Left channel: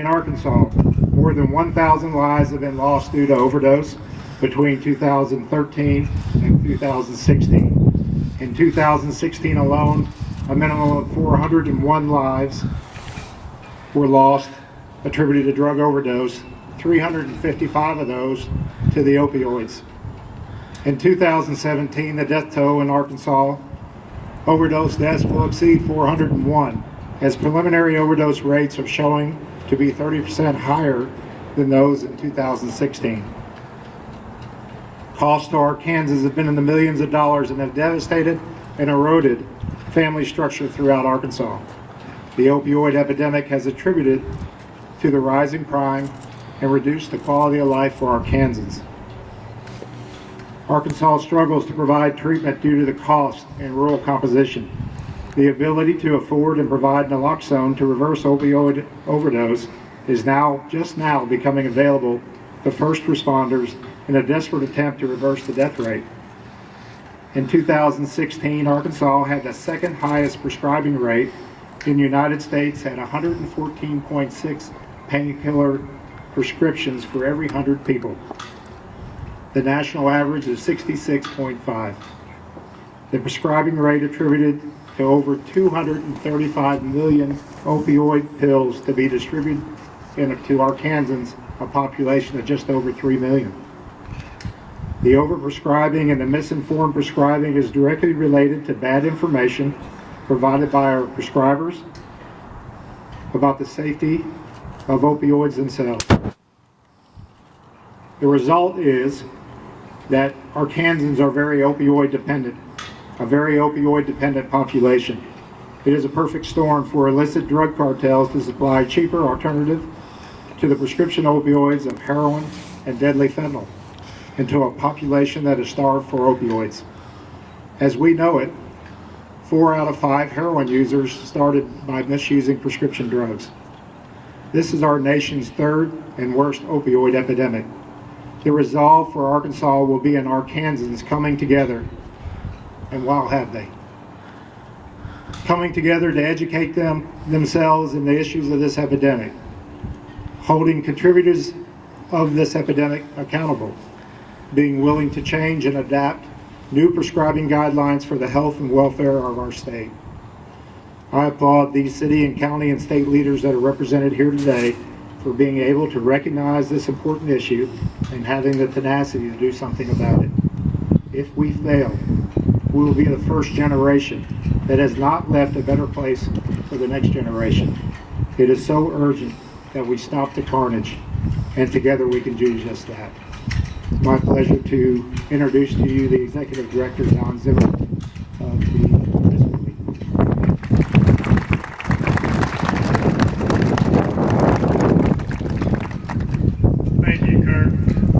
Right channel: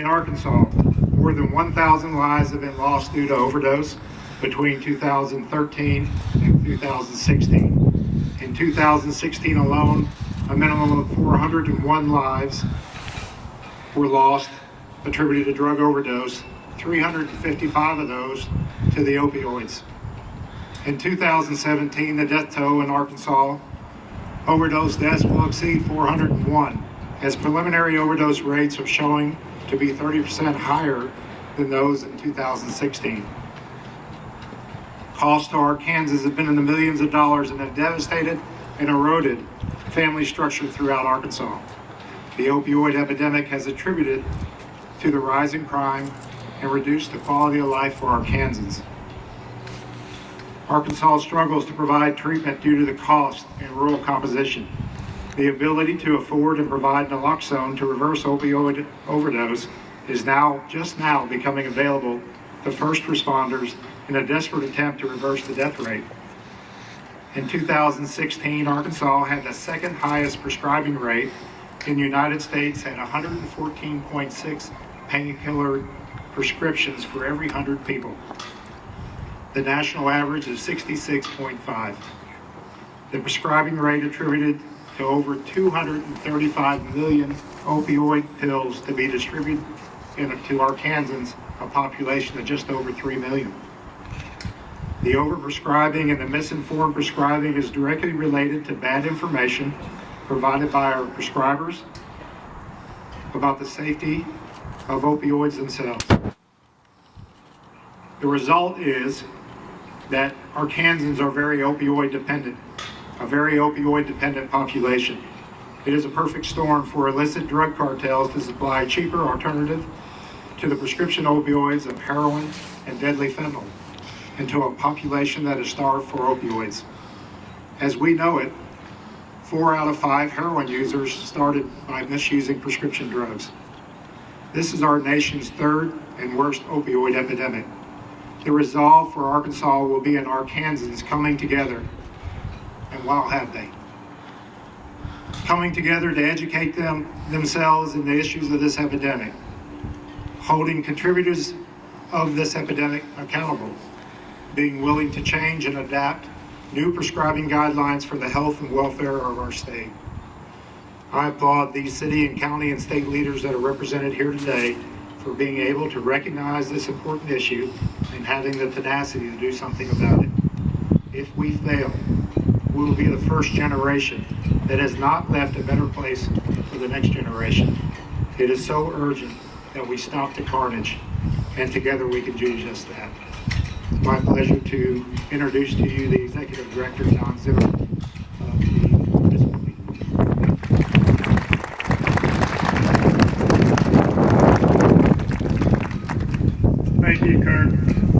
In Arkansas, more than 1,000 lives have been lost due to overdose between 2013 and 2016. In 2016 alone, a minimum of 401 lives were lost attributed to drug overdose, 355 of those to the opioids. In 2017, the death toll in Arkansas overdose deaths will exceed 401, as preliminary overdose rates are showing to be 30% higher than those in 2016. Costs to Arkansans have been in the millions of dollars and have devastated and eroded family structure throughout Arkansas. The opioid epidemic has attributed to the rising crime and reduced the quality of life for Arkansans. Arkansas struggles to provide treatment due to the cost and rural composition. The ability to afford and provide naloxone to reverse opioid overdose is just now becoming available to first responders in a desperate attempt to reverse the death rate. In 2016, Arkansas had the second highest prescribing rate in the United States at 114.6 painkiller prescriptions for every 100 people. The national average is 66.5. The prescribing rate attributed to over 235 million opioid pills to be distributed to Arkansans, a population of just over 3 million. The overprescribing and the misinformed prescribing is directly related to bad information provided by our prescribers about the safety of opioids themselves. The result is that Arkansans are very opioid dependent, a very opioid dependent population. It is a perfect storm for illicit drug cartels to supply cheaper alternative to the prescription opioids of heroin and deadly fentanyl, and to a population that is starved for opioids. As we know it, 4 out of 5 heroin users started by misusing prescription drugs. This is our nation's third and worst opioid epidemic. The resolve for Arkansas will be in Arkansans coming together, and wow, have they. Coming together to educate themselves in the issues of this epidemic, holding contributors of this epidemic accountable, being willing to change and adapt new prescribing guidelines for the health and welfare of our state. I applaud these city and county and state leaders that are represented here today for being able to recognize this important issue and having the tenacity to do something about it. If we fail, we will be the first generation that has not left a better place for the next generation. It is so urgent that we stop the carnage, and together we can do just that. It's my pleasure to introduce to you the Executive Director, John Zimmer, of the